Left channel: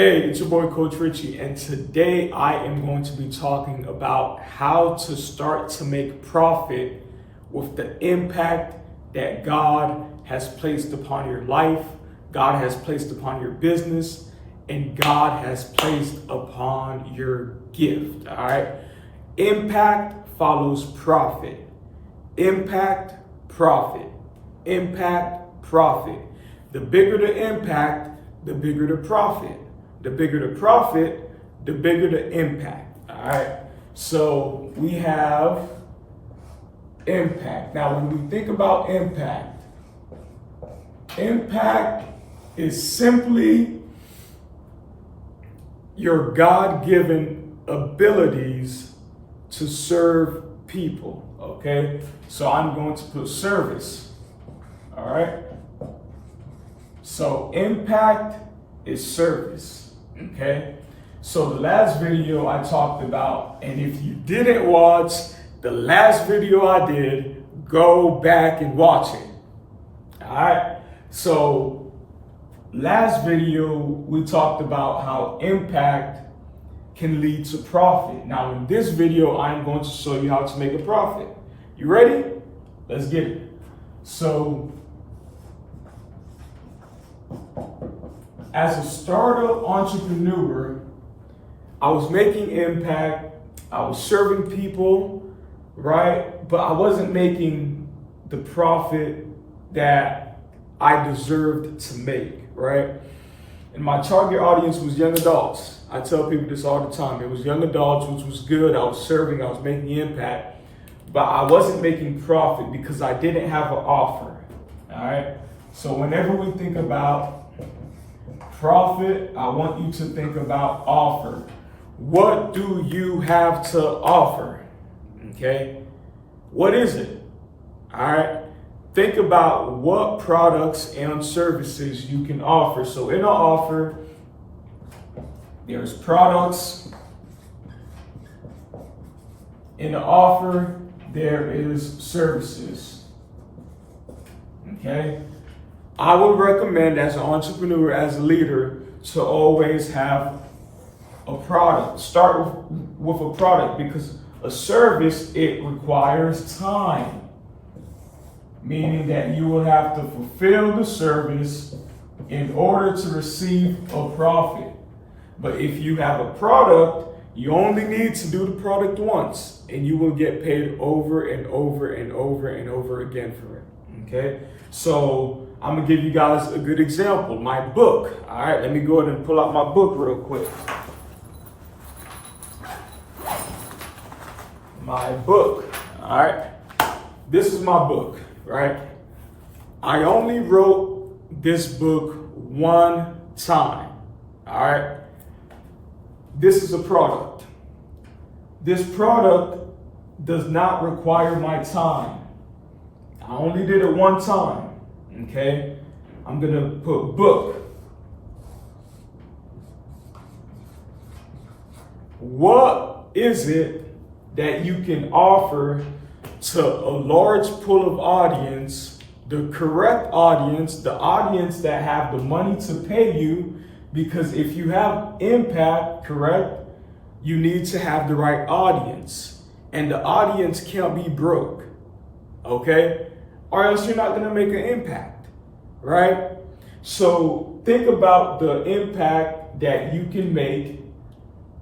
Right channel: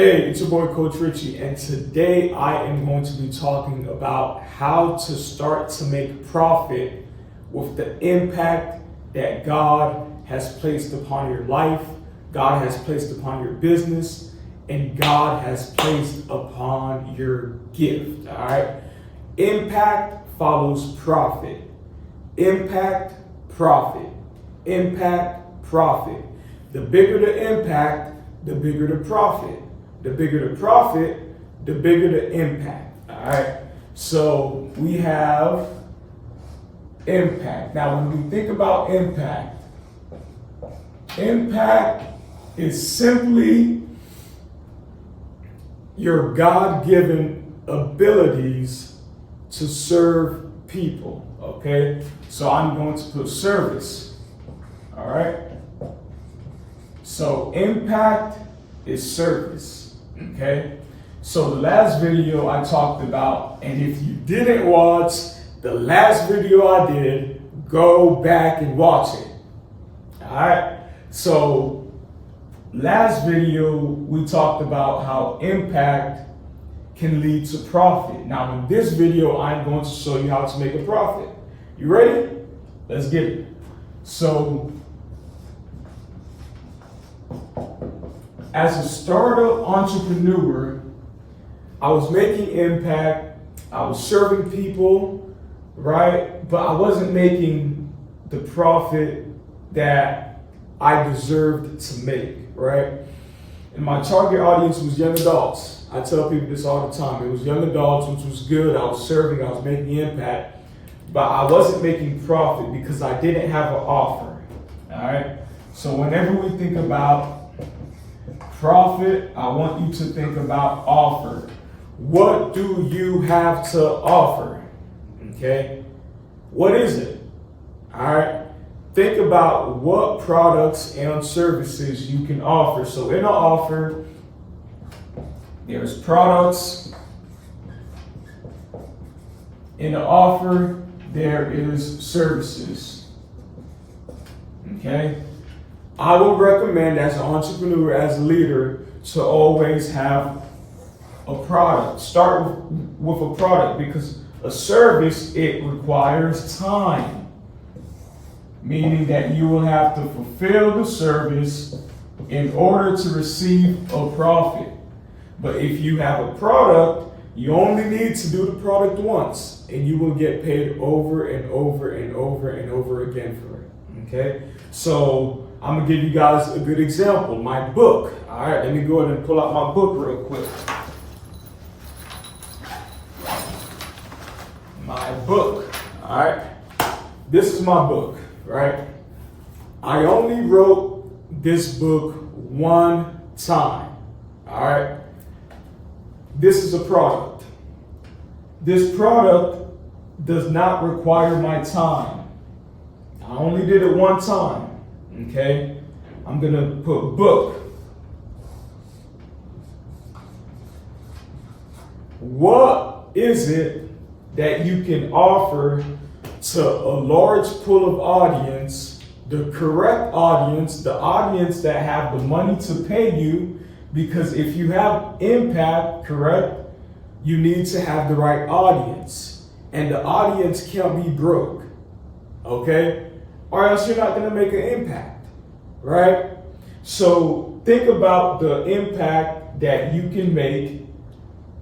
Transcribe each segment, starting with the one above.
Hey, it's your boy Coach Richie, and today I am going to be talking about how to start to make profit with the impact that God has placed upon your life, God has placed upon your business, and God has placed upon your gift. All right. Impact follows profit. Impact, profit. Impact, profit. The bigger the impact, the bigger the profit. The bigger the profit, the bigger the impact. All right. So we have impact. Now, when we think about impact, impact is simply your God-given abilities to serve people. Okay. So I'm going to put service. All right. So impact is service. Okay, so the last video I talked about, and if you didn't watch the last video I did, go back and watch it. All right, so last video we talked about how impact can lead to profit. Now in this video, I'm going to show you how to make a profit. You ready? Let's get it. So as a startup entrepreneur, I was making impact, I was serving people, right? But I wasn't making the profit that I deserved to make, right? And my target audience was young adults. I tell people this all the time. It was young adults, which was good. I was serving, I was making impact, but I wasn't making profit because I didn't have an offer, all right? So whenever we think about profit, I want you to think about offer. What do you have to offer? Okay. What is it? All right. Think about what products and services you can offer. So in an offer, there's products. In an offer, there is services. Okay. I would recommend as an entrepreneur, as a leader, to always have a product. Start with a product, because a service, it requires time. Meaning that you will have to fulfill the service in order to receive a profit. But if you have a product, you only need to do the product once, and you will get paid over and over and over and over again for it. Okay? So I'm gonna give you guys a good example. My book. All right, let me go ahead and pull out my book real quick. My book. All right, this is my book, right? I only wrote this book one time. All right, this is a product. This product does not require my time. I only did it one time. Okay, I'm gonna put book. What is it that you can offer to a large pool of audience, the correct audience, the audience that have the money to pay you? Because if you have impact, correct, you need to have the right audience, and the audience can't be broke. Okay, or else you're not gonna make an impact, right? So think about the impact that you can make,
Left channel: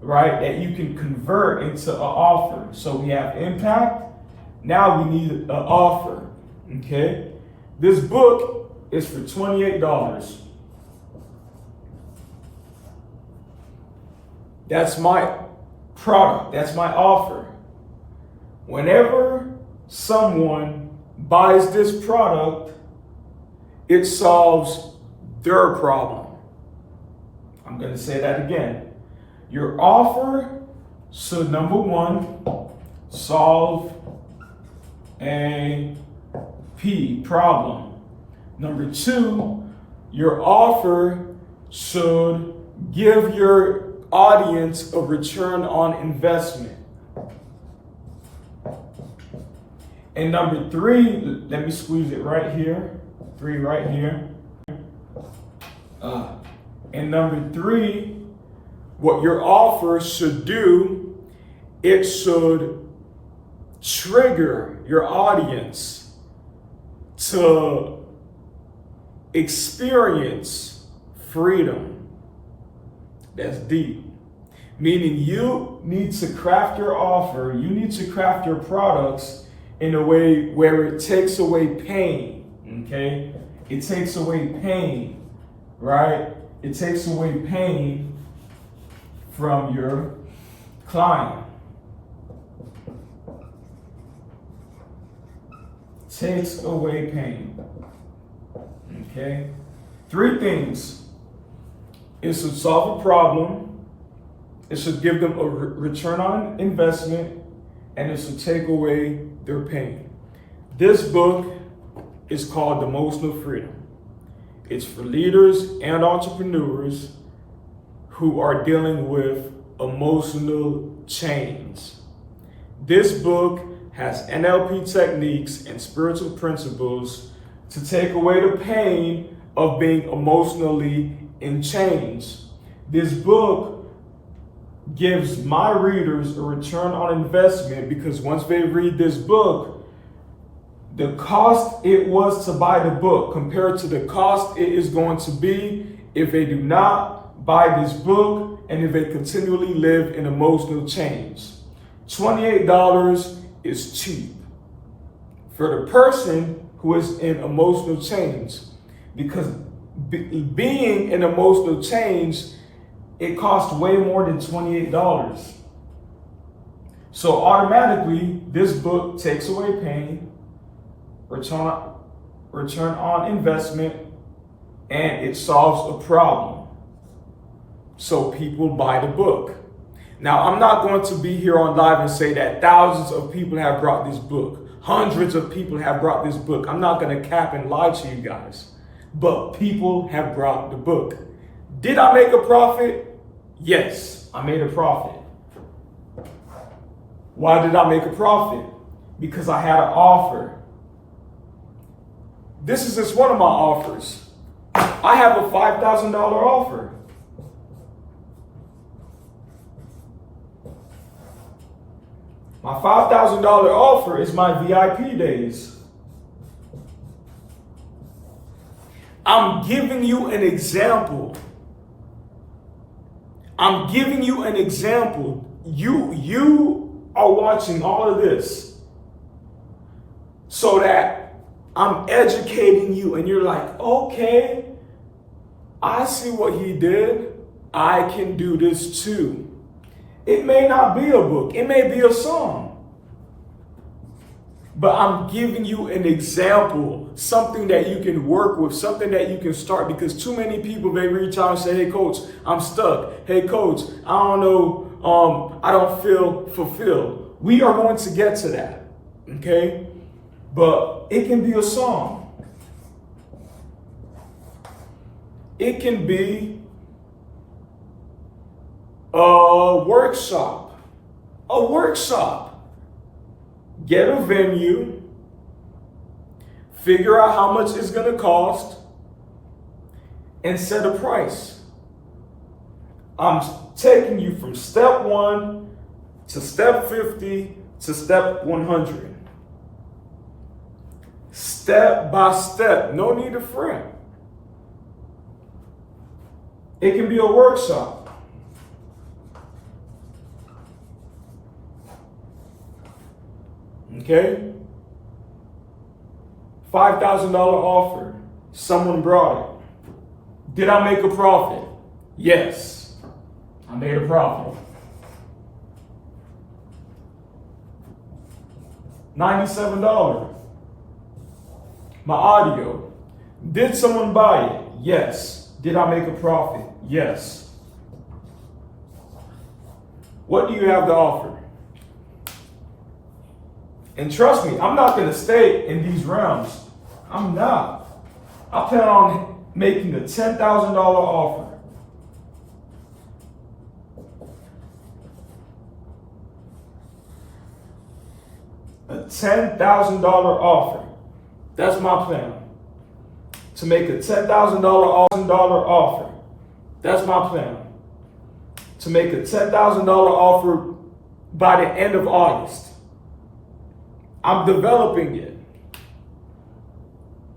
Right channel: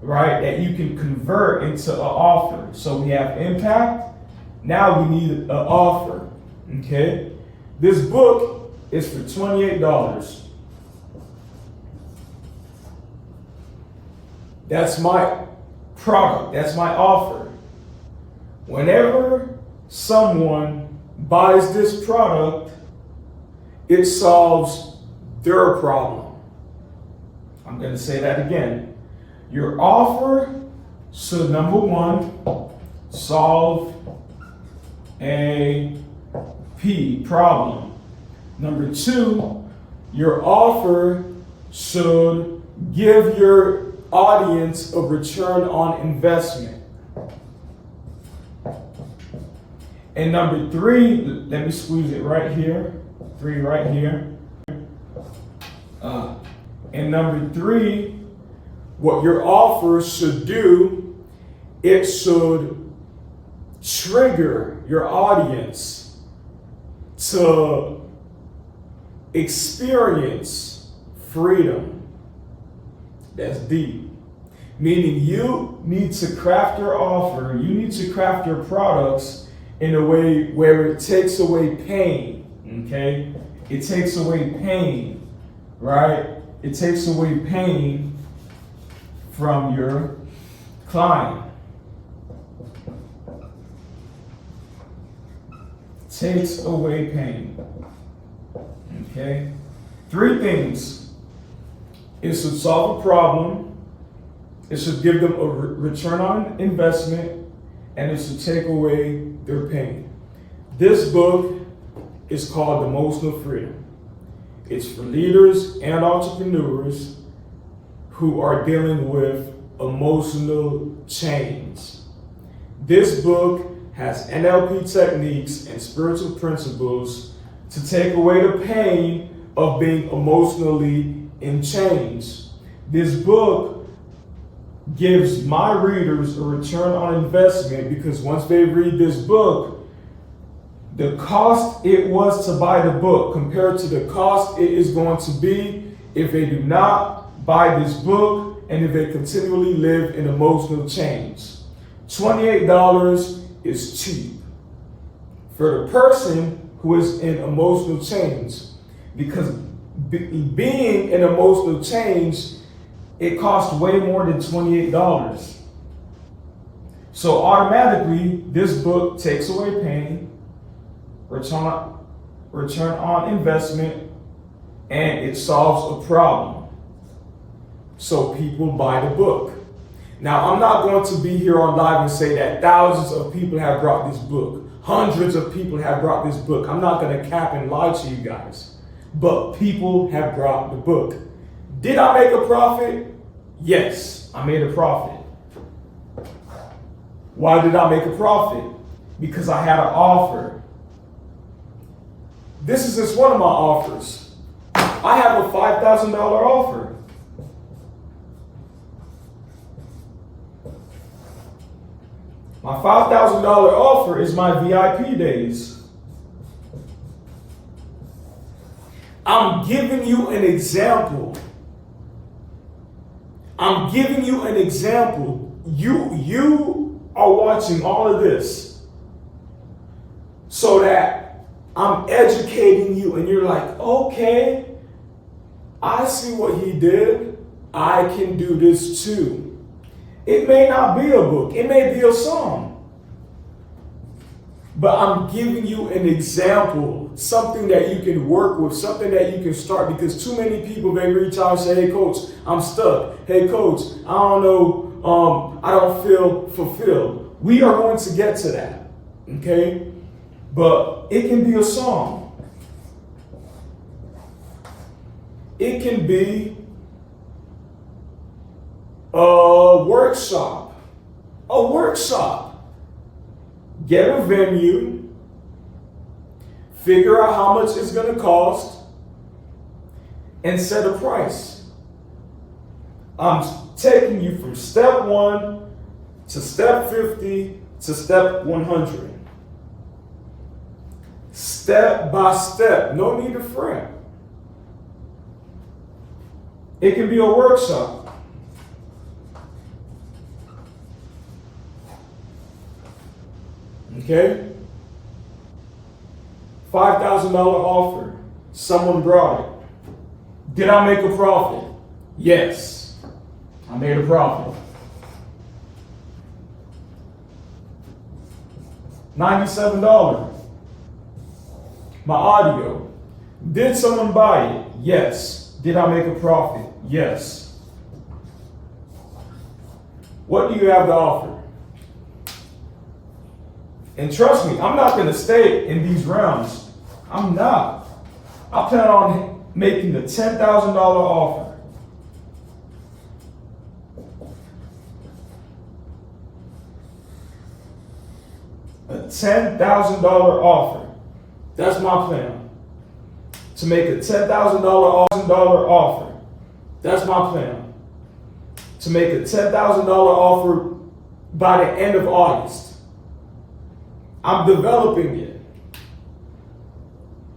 right? That you can convert into an offer. So we have impact. Now we need an offer, okay? This book is for $28. That's my product. That's my offer. Whenever someone buys this product, it solves their problem. I'm going to say that again. Your offer should, number one, solve a problem. Number two, your offer should give your audience a return on investment. And number three, let me squeeze it right here. 3 right here. And number 3, what your offer should do, it should trigger your audience to experience freedom. That's deep. Meaning you need to craft your offer, you need to craft your products in a way where it takes away pain, okay? It takes away pain, right? It takes away pain from your client. Takes away pain, okay? 3 things. It should solve a problem. It should give them a return on investment, and it should take away their pain. This book is called Emotional Freedom. It's for leaders and entrepreneurs who are dealing with emotional chains. This book has NLP techniques and spiritual principles to take away the pain of being emotionally in chains. This book gives my readers a return on investment because once they read this book, the cost it was to buy the book compared to the cost it is going to be if they do not buy this book and if they continually live in emotional chains. $28 is cheap for the person who is in emotional chains, because being in emotional chains, it costs way more than $28. So automatically, this book takes away pain, return on investment, and it solves a problem. So people buy the book. Now, I'm not going to be here on live and say that thousands of people have brought this book. Hundreds of people have brought this book. I'm not going to cap and lie to you guys. But people have brought the book. Did I make a profit? Yes, I made a profit. Why did I make a profit? Because I had an offer. This is just one of my offers. I have a $5,000 offer. My $5,000 offer is my VIP days. I'm giving you an example. I'm giving you an example. You are watching all of this so that I'm educating you and you're like, okay, I see what he did. I can do this too. It may not be a book. It may be a song. But I'm giving you an example, something that you can work with, something that you can start, because too many people, they reach out and say, hey, coach, I'm stuck. Hey, coach, I don't know, I don't feel fulfilled. We are going to get to that, okay? But it can be a song. It can be a workshop. A workshop. Get a venue, figure out how much it's going to cost, and set a price. I'm taking you from step 1 to step 50 to step 100. Step by step. No need to fret. It can be a workshop. Okay? $5,000 offer. Someone brought it. Did I make a profit? Yes. I made a profit. $97. My audio. Did someone buy it? Yes. Did I make a profit? Yes. What do you have to offer? And trust me, I'm not going to stay in these realms. I'm not. I plan on making a $10,000 offer. A $10,000 offer. That's my plan. To make a $10,000 offer. That's my plan. to make a $10,000 offer by the end of August. I'm developing it.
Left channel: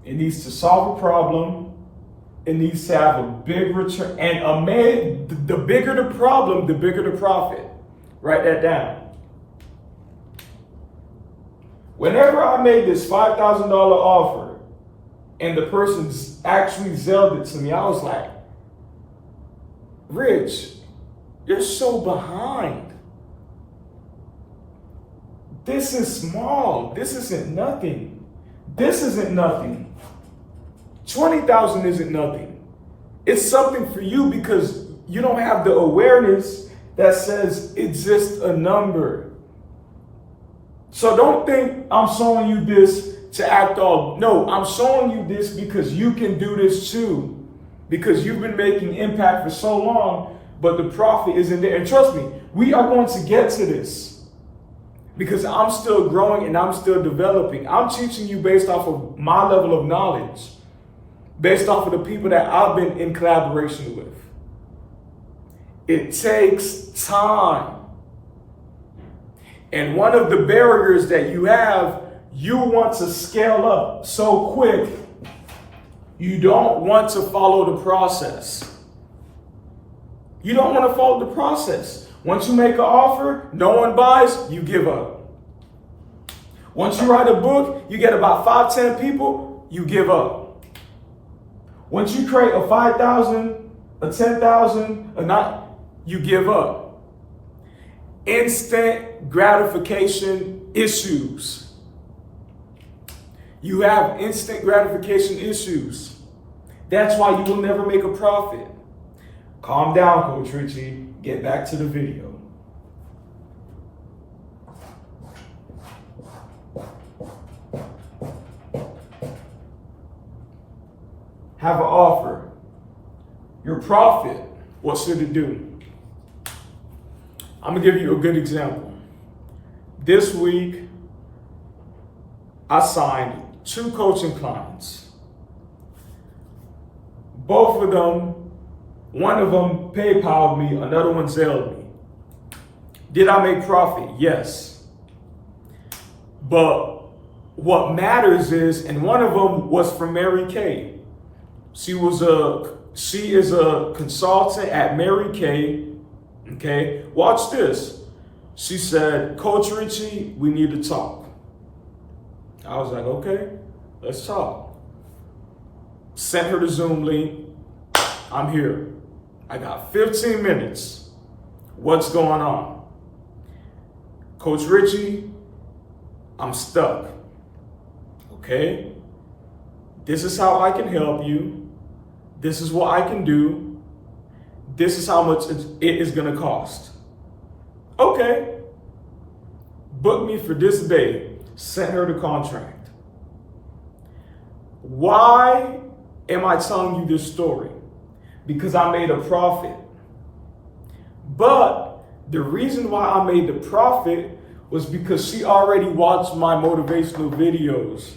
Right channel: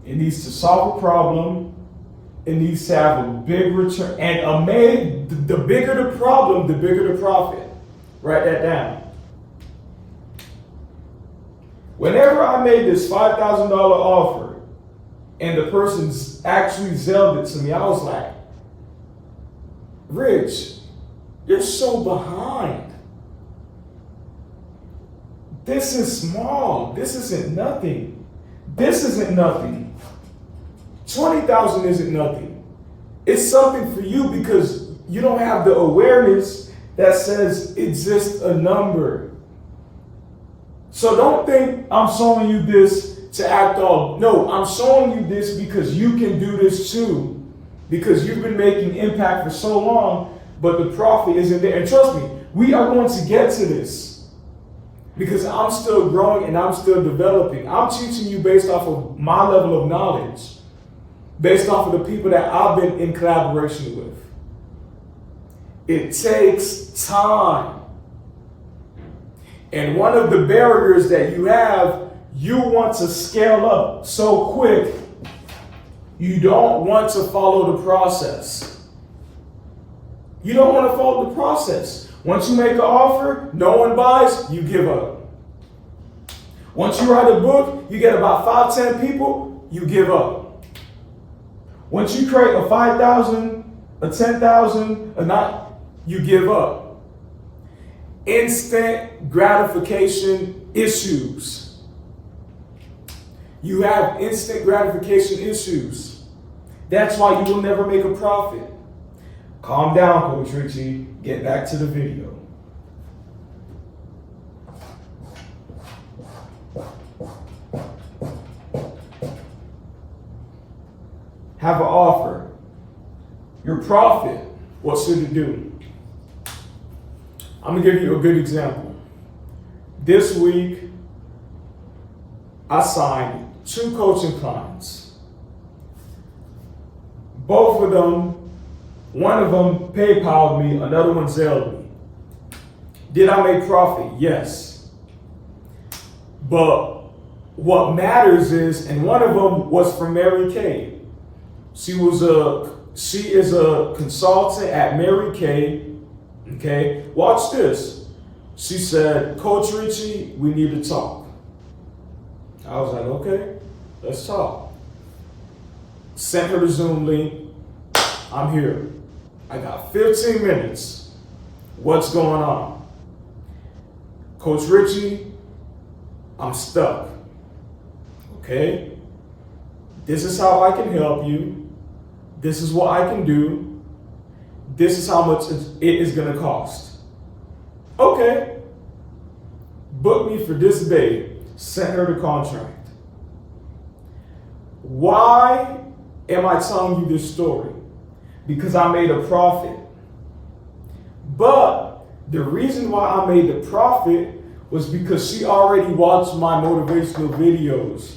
It needs to solve a problem. It needs to have a big return. And the bigger the problem, the bigger the profit. Write that down. Whenever I made this $5,000 offer and the person actually zelled it to me, I was like, Rich, you're so behind. This is small. This isn't nothing. This isn't nothing. 20,000 isn't nothing. It's something for you because you don't have the awareness that says it's just a number. So don't think I'm showing you this to act all. No, I'm showing you this because you can do this too. Because you've been making impact for so long, but the profit isn't there. And trust me, we are going to get to this because I'm still growing and I'm still developing. I'm teaching you based off of my level of knowledge, based off of the people that I've been in collaboration with. It takes time. And one of the barriers that you have, you want to scale up so quick, you don't want to follow the process. You don't want to follow the process. Once you make an offer, no one buys, you give up. Once you write a book, you get about 5-10 people, you give up. Once you create a 5,000, a 10,000, a not, you give up. Instant gratification issues. You have instant gratification issues. That's why you will never make a profit. Calm down, Coach Richie. Get back to the video. Have an offer. Your profit, what should it do? I'm going to give you a good example. This week, I signed 2 coaching clients. Both of them, one of them PayPal'd me, another one Zelled me. Did I make profit? Yes. But what matters is, and one of them was from Mary Kay. She is a consultant at Mary Kay. Okay, watch this. She said, Coach Richie, we need to talk. I was like, okay, let's talk. Sent her the Zoom link. I'm here. I got 15 minutes. What's going on? Coach Richie, I'm stuck. Okay? This is how I can help you. This is what I can do. This is how much it is going to cost. Okay. Book me for this day. Sent her the contract. Why am I telling you this story? Because I made a profit. But the reason why I made the profit was because she already watched my motivational videos.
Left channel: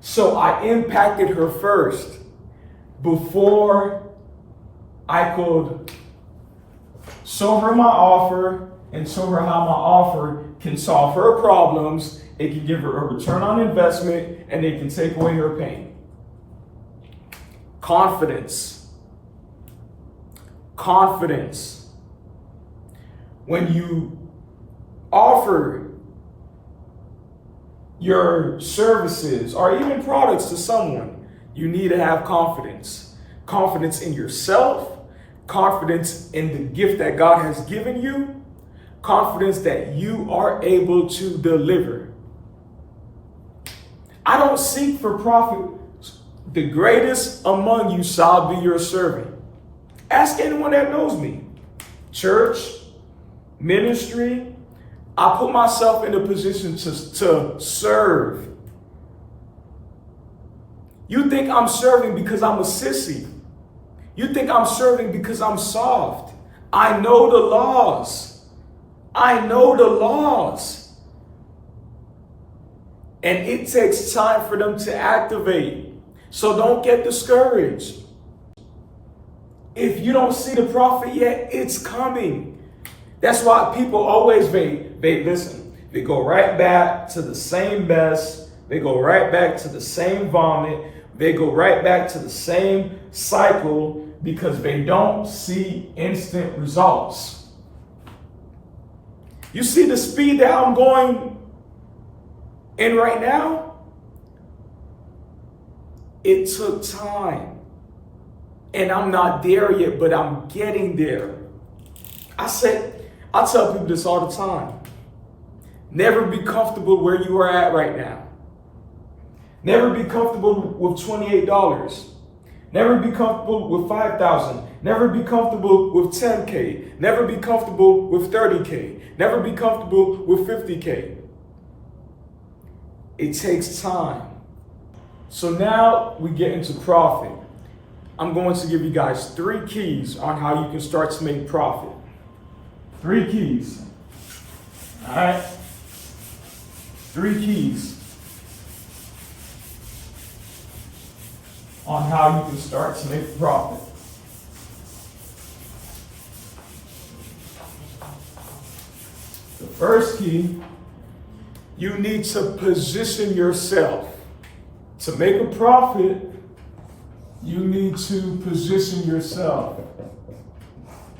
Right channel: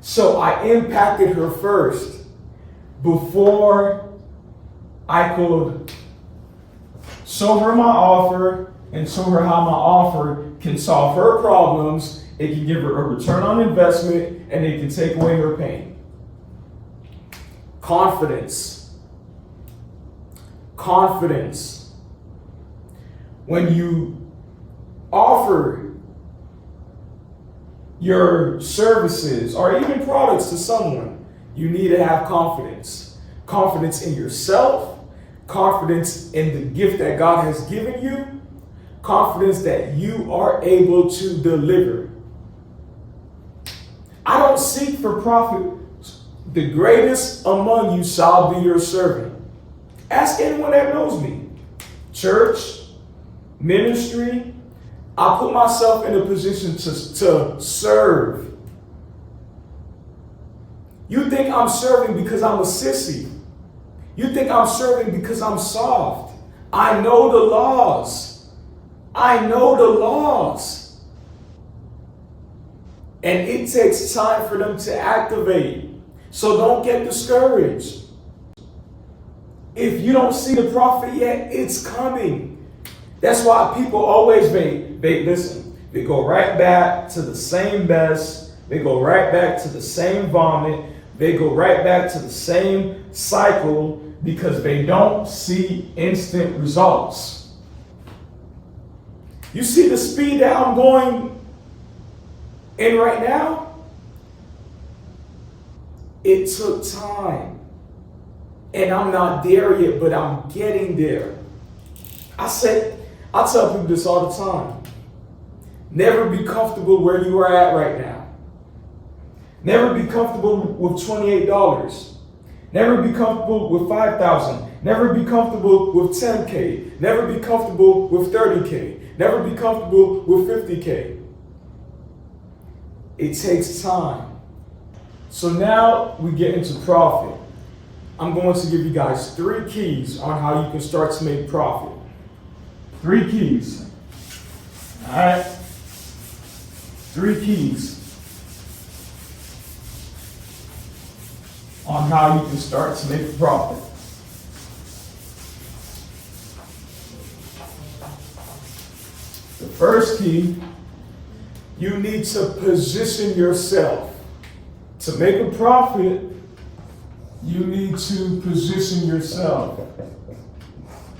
So I impacted her first before I could show her my offer and show her how my offer can solve her problems. It can give her a return on investment and it can take away her pain. Confidence. Confidence. When you offer your services or even products to someone, you need to have confidence. Confidence in yourself, confidence in the gift that God has given you, confidence that you are able to deliver. I don't seek for profit. The greatest among you shall be your servant. Ask anyone that knows me. Church, ministry, I put myself in a position to serve. You think I'm serving because I'm a sissy. You think I'm serving because I'm soft. I know the laws. I know the laws. And it takes time for them to activate. So don't get discouraged. If you don't see the profit yet, it's coming. That's why people always listen. They go right back to the same mess. They go right back to the same vomit. They go right back to the same cycle because they don't see instant results. You see the speed that I'm going in right now? It took time. And I'm not there yet, but I'm getting there. I tell people this all the time. Never be comfortable where you are at right now. Never be comfortable with $28. Never be comfortable with $5,000. Never be comfortable with $10K. Never be comfortable with $30K. Never be comfortable with $50K. It takes time. So now we get into profit. I'm going to give you guys 3 keys on how you can start to make profit. 3 keys. All right. 3 keys on how you can start to make a profit. The first key, you need to position yourself. To make a profit, you need to position yourself.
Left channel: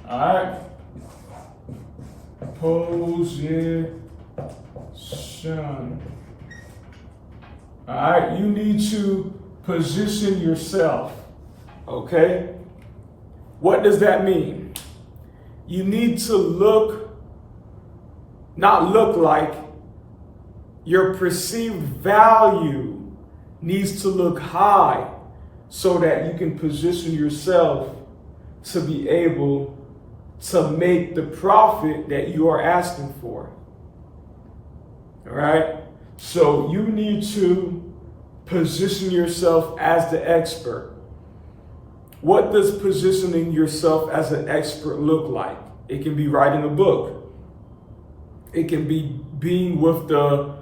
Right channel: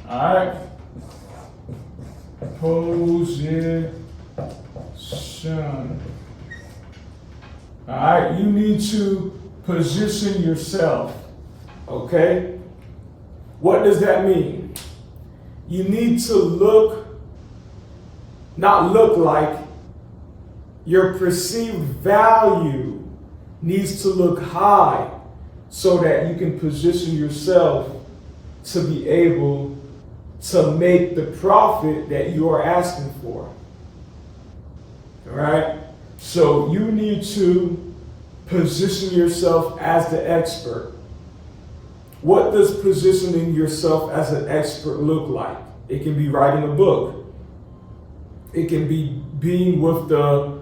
All right. Position. All right. You need to position yourself. Okay. What does that mean? You need to not look like, your perceived value needs to look high so that you can position yourself to be able to make the profit that you are asking for. All right? So you need to position yourself as the expert. What does positioning yourself as an expert look like? It can be writing a book. It can be being with the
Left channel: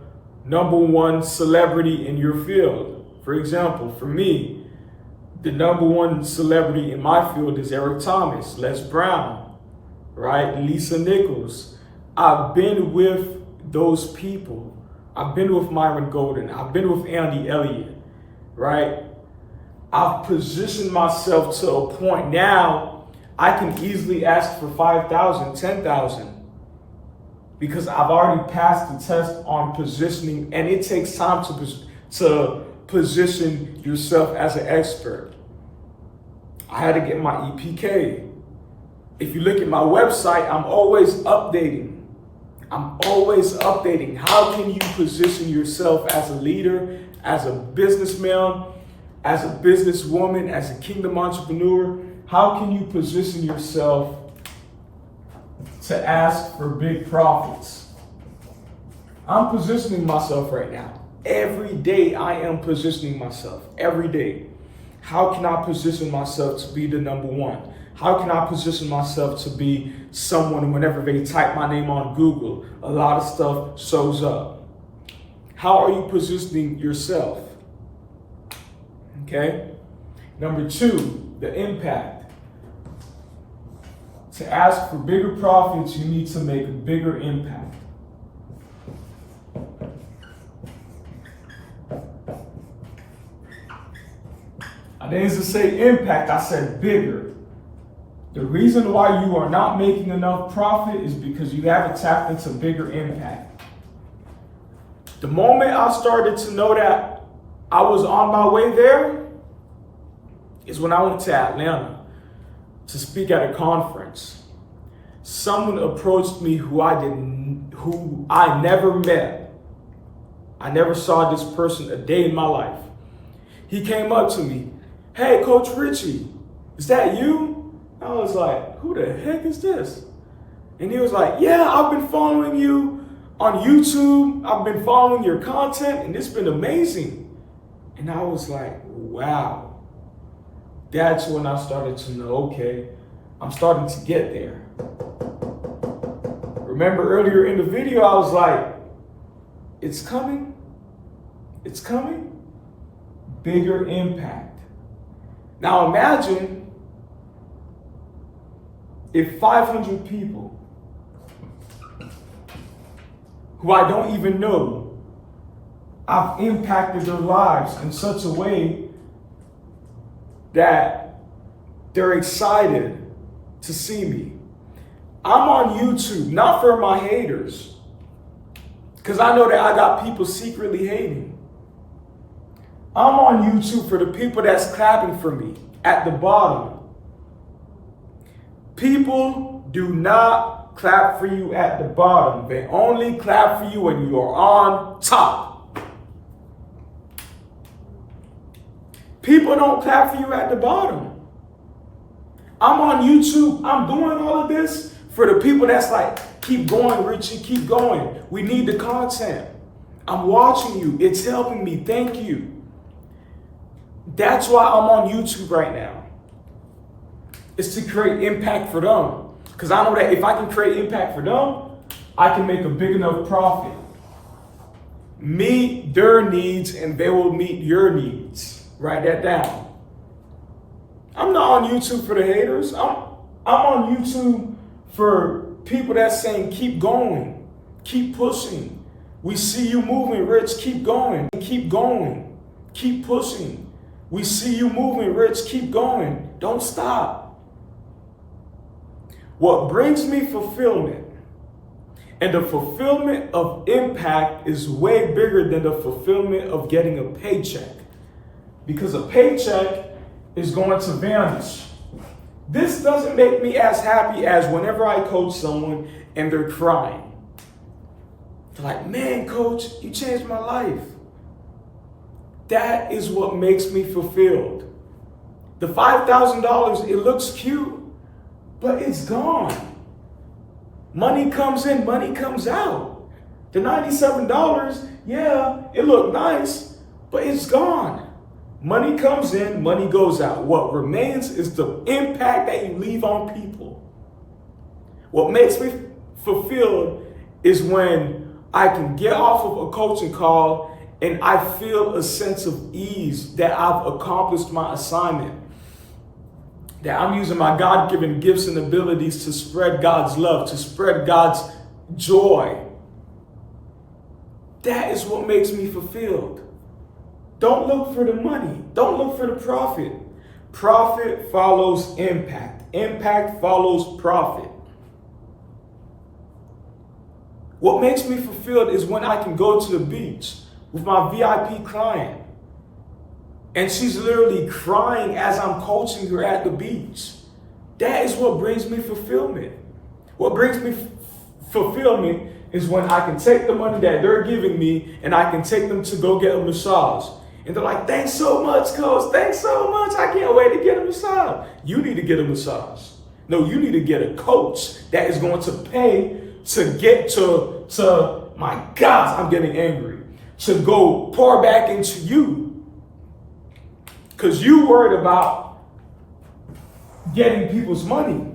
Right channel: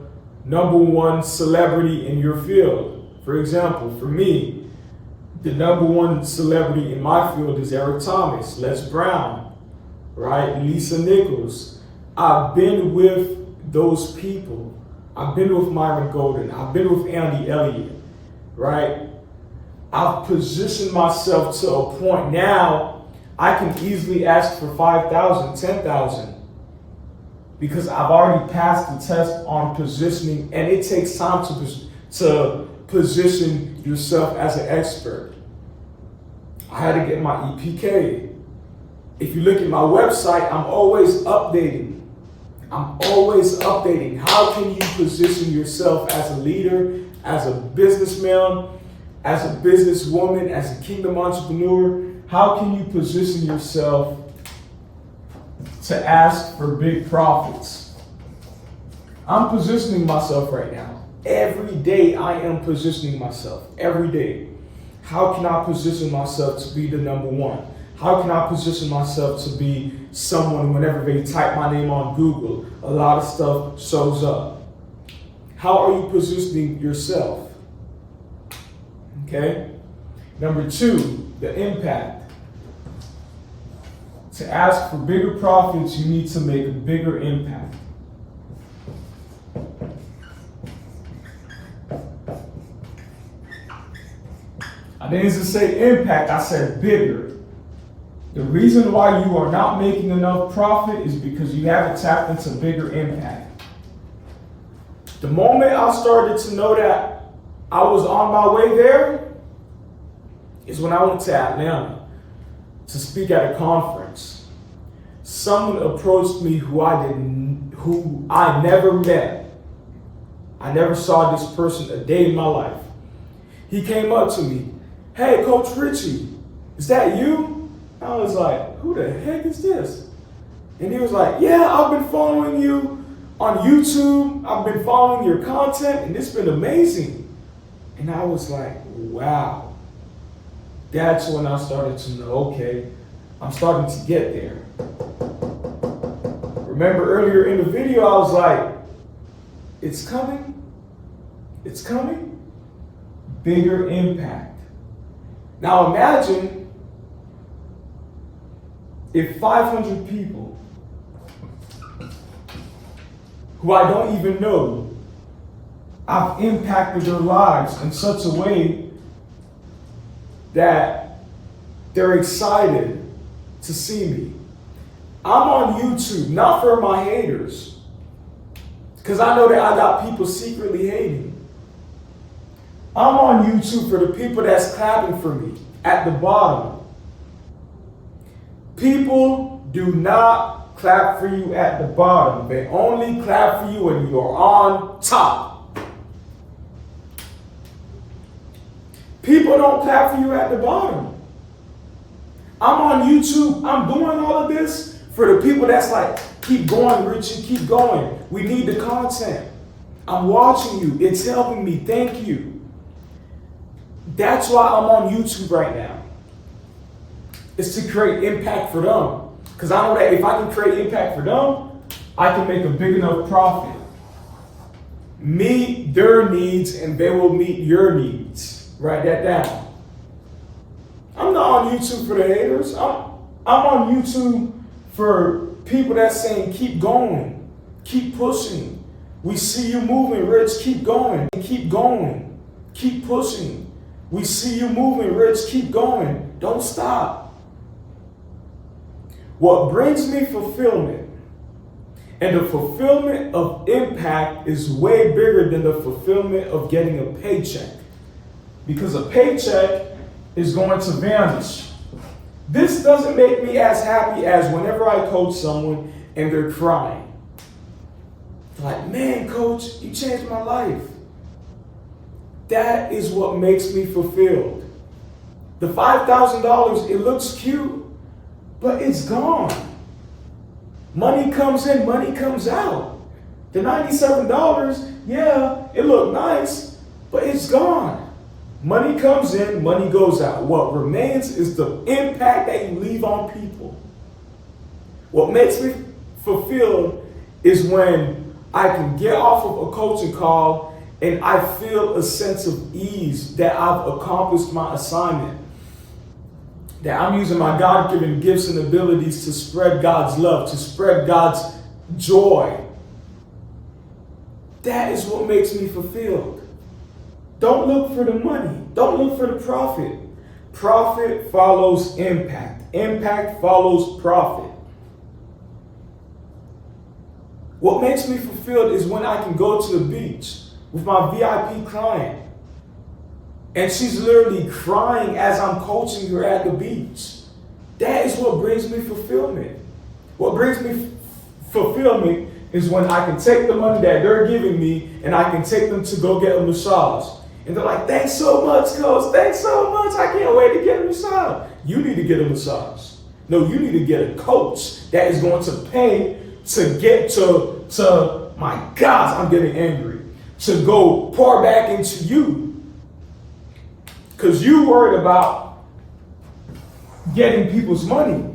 #1 celebrity in your field. For example, for me, the #1 celebrity in my field is Eric Thomas, Les Brown, right? Lisa Nichols. I've been with those people. I've been with Myron Golden. I've been with Andy Elliott, right? I've positioned myself to a point now I can easily ask for 5,000, 10,000 because I've already passed the test on positioning, and it takes time to position yourself as an expert. I had to get my EPK. If you look at my website, I'm always updating. How can you position yourself as a leader, as a businessman, as a businesswoman, as a kingdom entrepreneur? How can you position yourself to ask for big profits? I'm positioning myself right now. Every day I am positioning myself. Every day. How can I position myself to be the #1? How can I position myself to be someone whenever they type my name on Google, a lot of stuff shows up? How are you positioning yourself? Okay. #2, the impact. To ask for bigger profits, you need to make a bigger impact. I didn't just say impact, I said bigger. The reason why you are not making enough profit is because you haven't tapped into bigger impact. The moment I started to know that I was on my way there is when I went to Atlanta to speak at a conference. Someone approached me who I never met. I never saw this person a day in my life. He came up to me, "Hey, Coach Richie, is that you?" I was like, "Who the heck is this?" And he was like, "Yeah, I've been following you on YouTube. I've been following your content, and it's been amazing." And I was like, wow. That's when I started to know, okay, I'm starting to get there. Remember earlier in the video, I was like, it's coming. It's coming. Bigger impact. Now imagine if 500 people who I don't even know, I've impacted their lives in such a way that they're excited to see me. I'm on YouTube, not for my haters, because I know that I got people secretly hating. I'm on YouTube for the people that's clapping for me at the bottom. People do not clap for you at the bottom. They only clap for you when you are on top. People don't clap for you at the bottom. I'm on YouTube. I'm doing all of this for the people that's like, keep going, Richie, keep going. We need the content. I'm watching you. It's helping me. Thank you. That's why I'm on YouTube right now. It's to create impact for them. Because I know that if I can create impact for them, I can make a big enough profit. Meet their needs and they will meet your needs. Write that down. I'm not on YouTube for the haters. I'm on YouTube for people that's saying, keep going, keep pushing. We see you moving, Rich, keep going, keep going, keep pushing. We see you moving, Rich, keep going, don't stop. What brings me fulfillment, and the fulfillment of impact is way bigger than the fulfillment of getting a paycheck. Because a paycheck is going to vanish. This doesn't make me as happy as whenever I coach someone and they're crying. They're like, man, coach, you changed my life. That is what makes me fulfilled. The $5,000, it looks cute, but it's gone. Money comes in, money comes out. The $97, yeah, it looked nice, but it's gone. Money comes in, money goes out. What remains is the impact that you leave on people. What makes me fulfilled is when I can get off of a coaching call and I feel a sense of ease that I've accomplished my assignment. That I'm using my God-given gifts and abilities to spread God's love, to spread God's joy. That is what makes me fulfilled. Don't look for the money. Don't look for the profit. Profit follows impact. Impact follows profit. What makes me fulfilled is when I can go to the beach with my VIP client and she's literally crying as I'm coaching her at the beach. That is what brings me fulfillment. What brings me fulfillment is when I can take the money that they're giving me and I can take them to go get a massage. And they're like, thanks so much, coach. Thanks so much. I can't wait to get a massage. You need to get a massage. No, you need to get a coach that is going to pay to get to my God, I'm getting angry, to go pour back into you. Because you worried about getting people's money,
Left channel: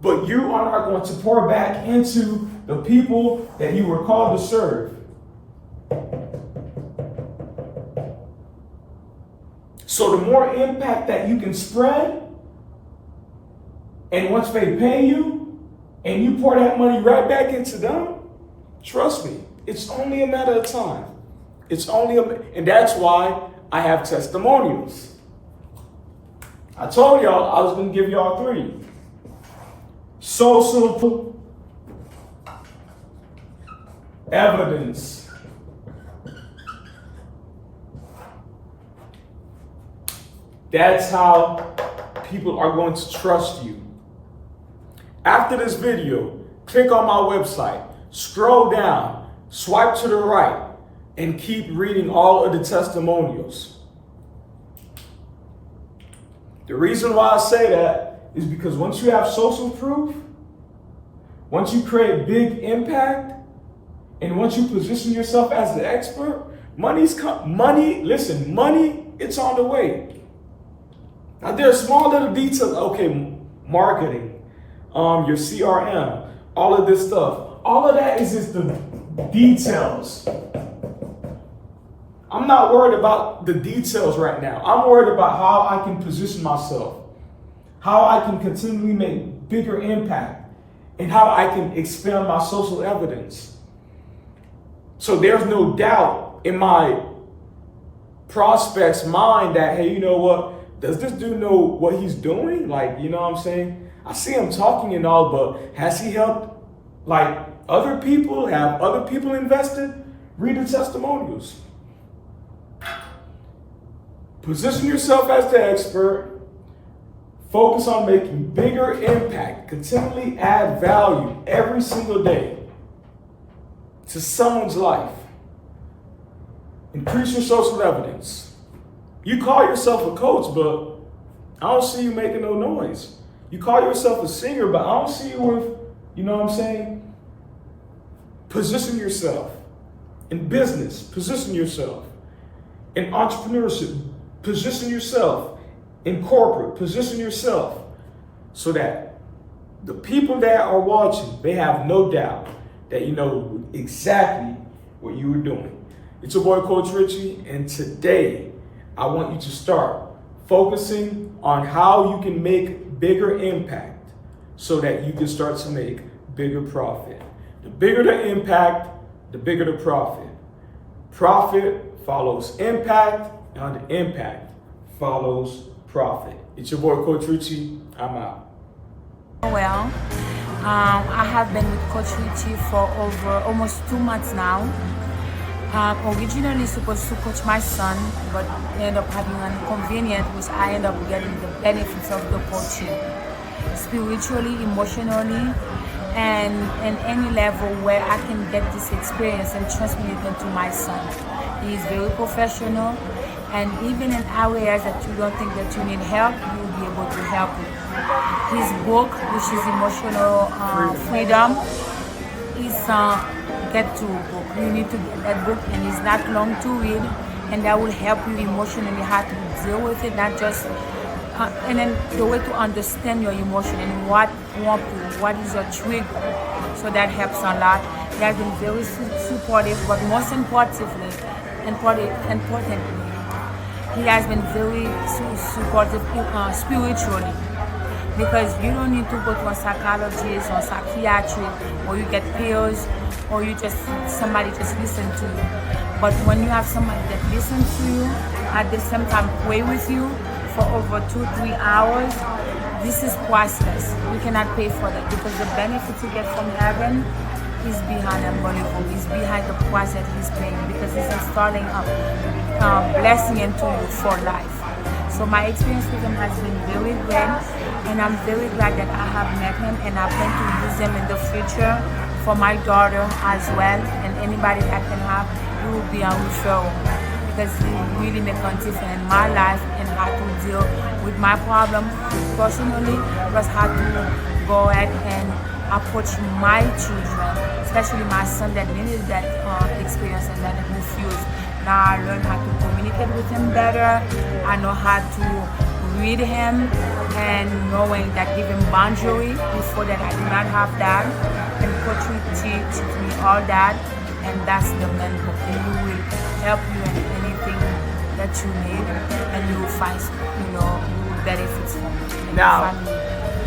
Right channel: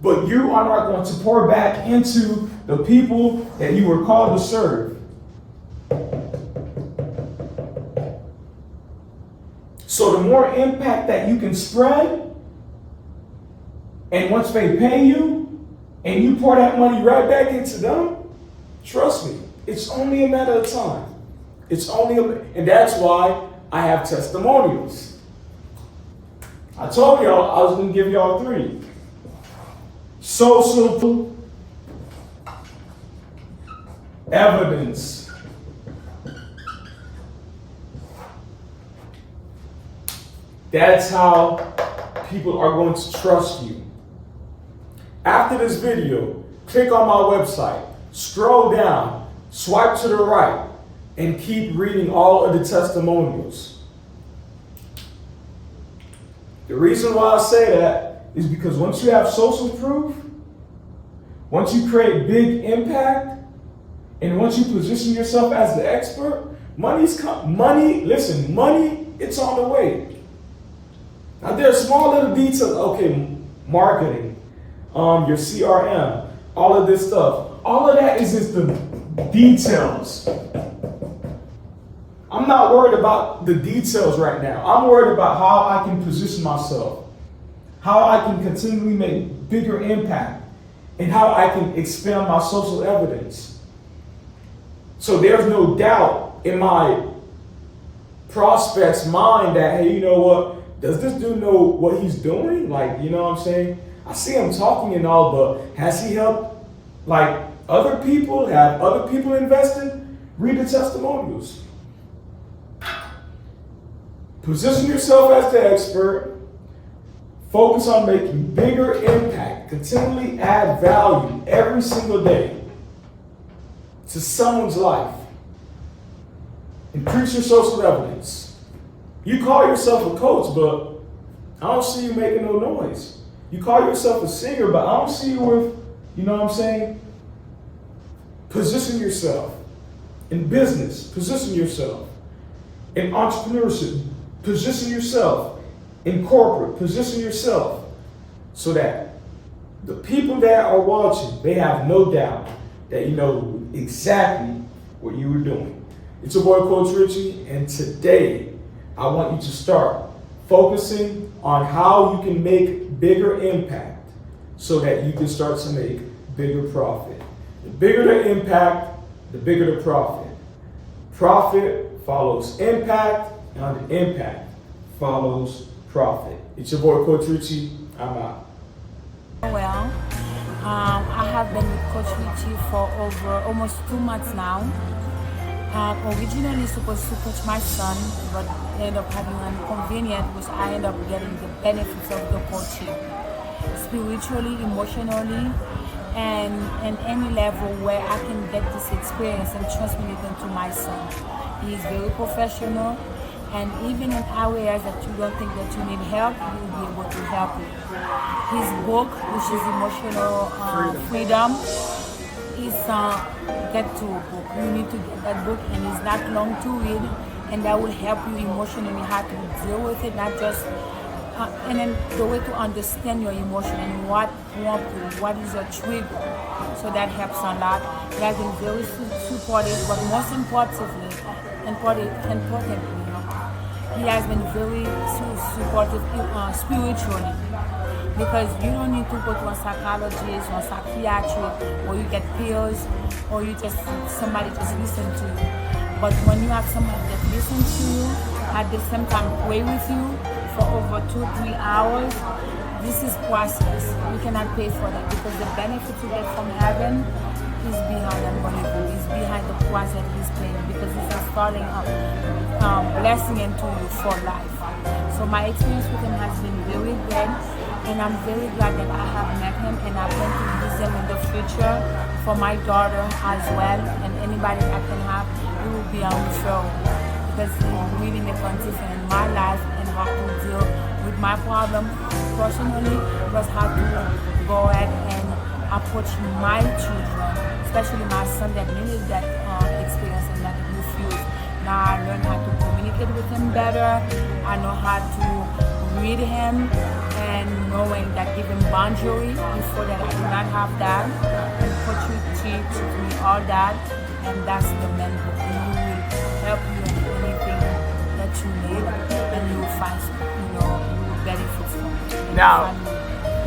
but you are not going to pour back into the people that you were called to serve. So the more impact that you can spread, and once they pay you, and you pour that money right back into them, trust me, it's only a matter of time. And that's why I have testimonials. I told y'all I was going to give y'all 3. Social evidence. That's how people are going to trust you. After this video, click on my website, scroll down, swipe to the right, and keep reading all of the testimonials. The reason why I say that is because once you have social proof, once you create big impact, and once you position yourself as the expert, money, it's on the way. Now there are small little details, okay, marketing, your CRM, all of this stuff. All of that is just the details. I'm not worried about the details right now. I'm worried about how I can position myself, how I can continually make bigger impact and how I can expand my social evidence. So there's no doubt in my prospect's mind that, hey, you know what? Does this dude know what he's doing? Like, you know what I'm saying? I see him talking and all, but has he helped like other people? Have other people invested? Read the testimonials. Position yourself as the expert. Focus on making bigger impact. Continually add value every single day to someone's life. Increase your social evidence. You call yourself a coach, but I don't see you making no noise. You call yourself a singer, but I don't see you with, you know what I'm saying? Position yourself. In business, position yourself. In entrepreneurship, position yourself. In corporate, position yourself so that the people that are watching, they have no doubt that you know exactly what you were doing. It's your boy, Coach Richie, and today I want you to start focusing on how you can make bigger impact so that you can start to make bigger profit. The bigger the impact, the bigger the profit. Profit follows impact, and the impact follows profit. It's your boy, Coach Richie. I'm out. Well, I have been with Coach Richie for over almost 2 months now. Originally supposed to coach my son, but ended up having an inconvenience, which I end up getting the benefits of the coaching. Spiritually, emotionally, and in any level where I can get this experience and transmit it into my son. He is very professional. And even in areas that you don't think that you need help, you will be able to help you. His book, which is Emotional Freedom, is Get To book. You need to get that book, and it's not long to read, and that will help you emotionally how to deal with it, not just, and then the way to understand your emotion and what is your trigger. So that helps a lot. He has been very supportive, but most importantly, he has been very supportive spiritually, because you don't need to go to a psychologist or a psychiatrist, or you get pills, or you just somebody just listen to you. But when you have somebody that listens to you, at the same time pray with you for over 2-3 hours, this is priceless. You cannot pay for that, because the benefit you get from heaven is behind unbelievable. It's behind the price that he's paying, because he's installing a blessing into you for life. So my experience with him has been very good, and I'm very glad that I have met him, and I plan to use him in the future for my daughter as well, and anybody that can have, he will be a referral, because he really make a difference in my life and how to deal with my problem personally, plus how to go ahead and approach my children, especially my son that needed that experience and that refused. Now I learned how to communicate with him better. I know how to read him, and knowing that give him boundary. Before that I did not have that, and Coach Richie teach me all that, and that's the main book. And he will help you in anything that you need, and you will find, you will benefit from it.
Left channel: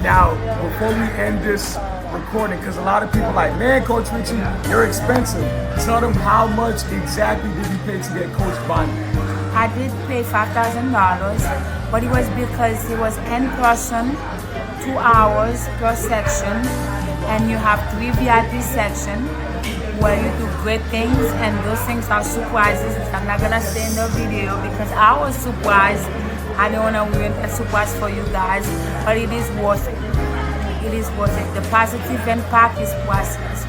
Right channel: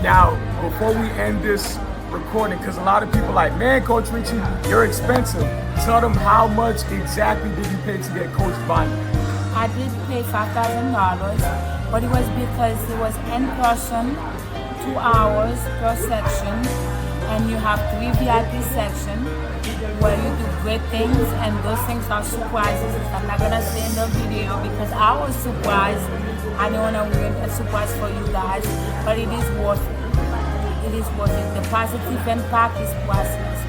Now, before we end this recording, because a lot of people like, man, Coach Richie, you're expensive. Tell them how much exactly did you pay to get coached by me? I did pay $5,000, but it was because it was in person, 2 hours per section, and you have 3 VIP sections where you do great things, and those things are surprises. I'm not gonna say in the video because I was surprised. I don't wanna ruin that surprise for you guys, but it is worth it. It is worth it. The positive impact is priceless.